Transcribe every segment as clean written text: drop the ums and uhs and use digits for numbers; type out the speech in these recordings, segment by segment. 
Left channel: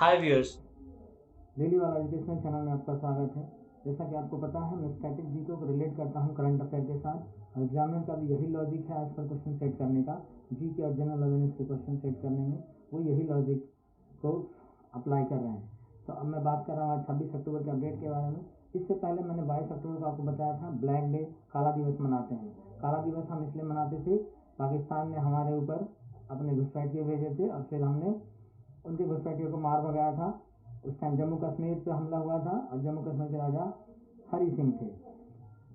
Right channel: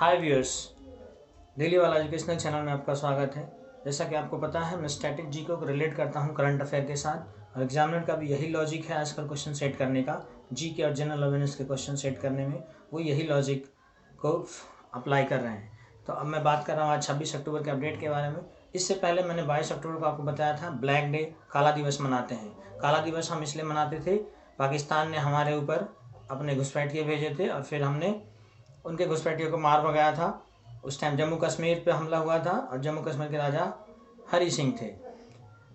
हाय viewers, daily वाला educational channel में आपका स्वागत है। जैसा कि आपको पता है, मैं स्टैटिक जी को रिलेट करता हूं करंट अफेयर के साथ, और एग्जामिनर का भी यही लॉजिक है आजकल क्वेश्चन सेट करने का। जी के और जनरल अवेयरनेस के क्वेश्चन सेट करने में वो यही लॉजिक को अप्लाई कर रहे हैं। तो अब मैं बात कर रहा हूँ आज 26 अक्टूबर के अपडेट के बारे में। इससे पहले मैंने 22 अक्टूबर को आपको बताया था ब्लैक डे, काला दिवस मनाते हैं। काला दिवस हम इसलिए मनाते थे, पाकिस्तान ने हमारे ऊपर अपने घुसपैठिए भेजे थे और फिर हमने उनके घुसपैठियों को मार भगाया था। उस टाइम जम्मू कश्मीर पे हमला हुआ था और जम्मू कश्मीर के राजा हरि सिंह थे।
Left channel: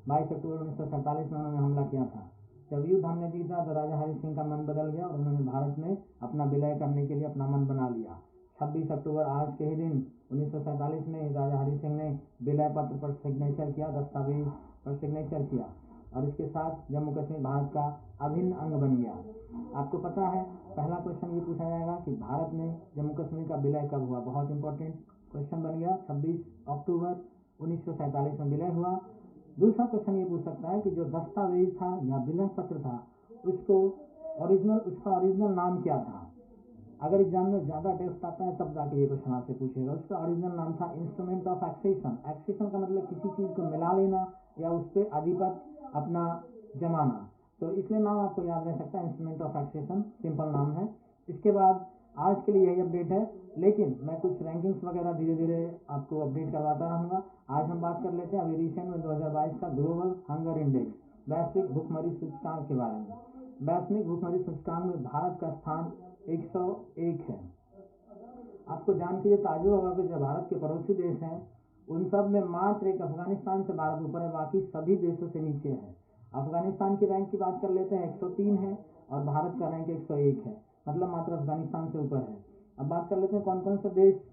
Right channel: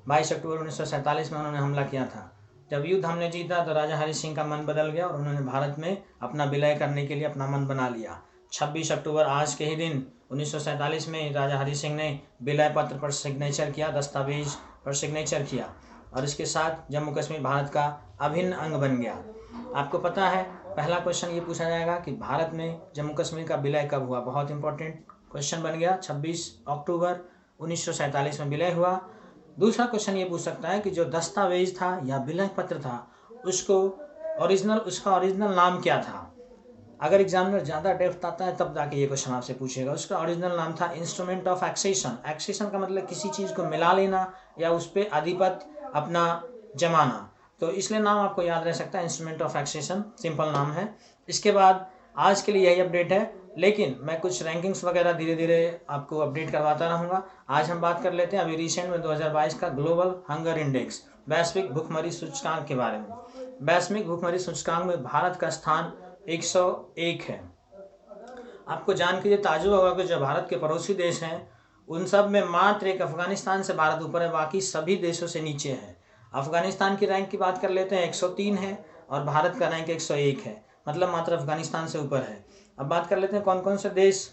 22 अक्टूबर 1947 में उन्होंने हमला किया था। जब युद्ध हमने जीता तो राजा हरि सिंह का मन बदल गया और उन्होंने भारत में अपना विलय करने के लिए अपना मन बना लिया। 26 अक्टूबर आज के ही दिन 1947 में राजा हरि सिंह ने विलय पत्र पर सिग्नेचर किया, दस्तावेज पर सिग्नेचर किया, और इसके साथ जम्मू कश्मीर भारत का अभिन्न अंग बन गया। आपको पता है, पहला क्वेश्चन ये पूछा जाएगा कि भारत में जम्मू कश्मीर का विलय कब हुआ। बहुत इंपॉर्टेंट क्वेश्चन बन गया। 26 अक्टूबर 1947 में विलय हुआ। दूसरा क्वेश्चन ये पूछ सकता है कि जो दस्तावेज था या विलय पत्र था उसका ओरिजिनल नाम क्या था। अगर एग्जामिनर ज़्यादा डेप्थ आता है तब जाके ये क्वेश्चन आपसे पूछेगा। उसका ओरिजिनल नाम था इंस्ट्रूमेंट ऑफ एक्सेशन। एक्सेशन का मतलब किसी चीज़ को मिला लेना या उस पर आधिपत्य अपना जमाना, तो इसलिए नाम आपको याद रह सकता है, इंस्ट्रूमेंट ऑफ एक्सेशन, सिंपल नाम है। इसके बाद आज के लिए यही अपडेट है, लेकिन मैं कुछ रैंकिंग्स वगैरह धीरे धीरे आपको अपडेट करवाता रहूँगा। आज हम बात कर लेते हैं अभी रिसेंट में 2022 का ग्लोबल हंगर इंडेक्स, वैश्विक भूखमरी सूचकांक के बारे में। वैश्विक भूखमरी सूचकांक में भारत का स्थान 101 है। आपको जान के ये ताज्जुब होगा कि जो भारत के पड़ोसी देश हैं उन सब में मात्र एक अफगानिस्तान से भारत ऊपर है, बाकी सभी देशों से नीचे है। अफगानिस्तान की रैंक की बात कर लेते हैं, 103 है, और भारत का रैंक 101 है, मतलब मात्र अफगानिस्तान से ऊपर है। अब बात कर लेते हैं कौन कौन से देश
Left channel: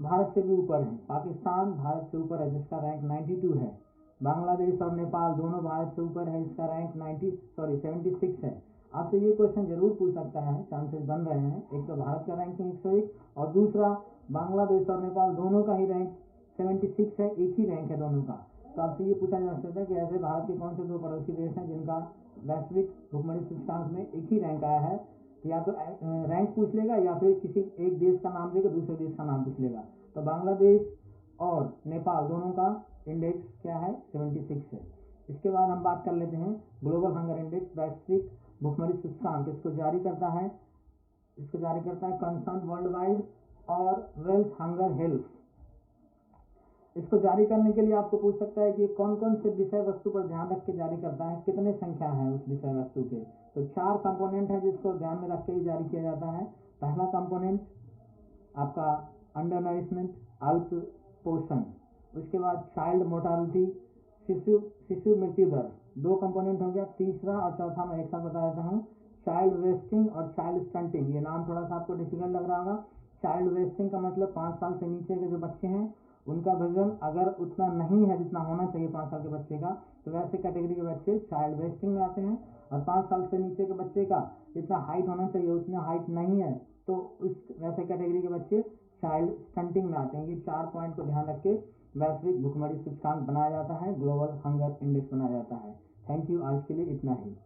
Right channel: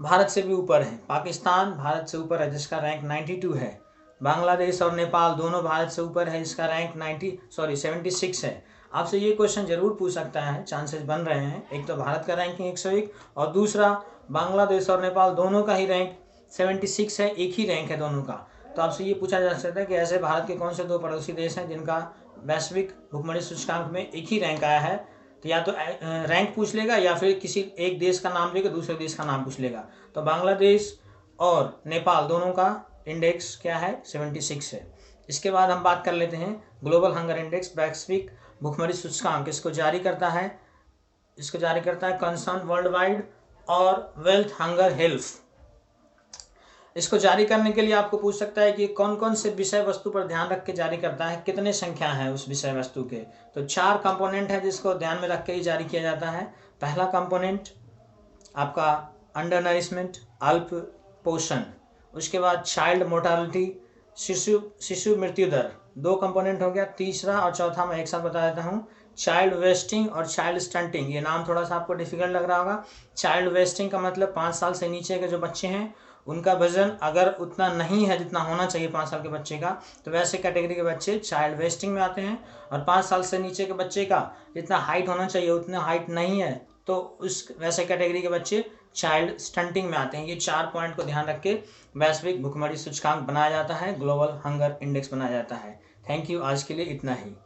भारत से भी ऊपर है। पाकिस्तान भारत से ऊपर है जिसका रैंक 92 है। बांग्लादेश और नेपाल दोनों भारत से ऊपर है, इसका रैंक 76 है। आपसे ये क्वेश्चन जरूर पूछ सकता है, चांसेस बन रहे हैं। एक तो भारत का रैंकिंग 101 और दूसरा बांग्लादेश और नेपाल दोनों का ही रैंक 76 है, एक ही रैंक है दोनों का। तो आपसे ये पूछा जा सकता है कि ऐसे भारत के कौन से दो पड़ोसी देश हैं जिनका वैश्विक भूखमरी सूचकांक में एक ही रैंक आया है। तो या तो रैंक पूछ लेगा या फिर किसी एक देश का नाम लेगा, दूसरे देश का नाम पूछ लेगा। तो बांग्लादेश और नेपाल दोनों का इंडेक्स क्या है, 76 है। इसके बाद हम बात कर लेते हैं ग्लोबल हंगर इंडेक्स, वैश्विक भूखमरी सूचकांक। इसको जारी करता है कंसर्न वर्ल्ड वाइड और वेल्थ हंगर हेल्थ। इसको जारी करने के लिए आपको पूछ सकता है कि कौन कौन से विषय वस्तु पर ध्यान रख के जारी करता है, कितने संख्या है उस विषय वस्तु के। तो 4 कंपोनेंट है जिसको ध्यान में रख के ही जारी किया जाता है। पहला कंपोनेंट आपका अंडर नरिशमेंट, अल्प पोषण। उसके बाद चाइल्ड मोर्टालिटी, शिशु मृत्यु दर, 2 कंपोनेंट हो गया। तीसरा और चौथा मैं एक साथ बता देता हूँ, चाइल्ड वेस्टिंग और चाइल्ड स्टंटिंग। ये नाम थोड़ा सा आपको डिफिकल्ट लग रहा होगा। चाइल्ड वेस्टिंग का मतलब 5 साल से नीचे के जो बच्चे हैं उनका वजन अगर उतना नहीं है जितना होना चाहिए 5 साल के बच्चे का, तो वैसे कैटेगरी के बच्चे चाइल्ड वेस्टिंग में आते हैं। और 5 साल से नीचे के बच्चे का जितना हाइट होना चाहिए उतना हाइट नहीं है तो उस वैसे कैटेगरी के बच्चे चाइल्ड स्टंटिंग में आते हैं। ये 4 पॉइंट को ध्यान रख के वैश्विक भूखमरी सूचकांक बनाया जाता है, ग्लोबल हंगर इंडेक्स बनाया जाता है। थैंक यू, आज के लिए इतना ही।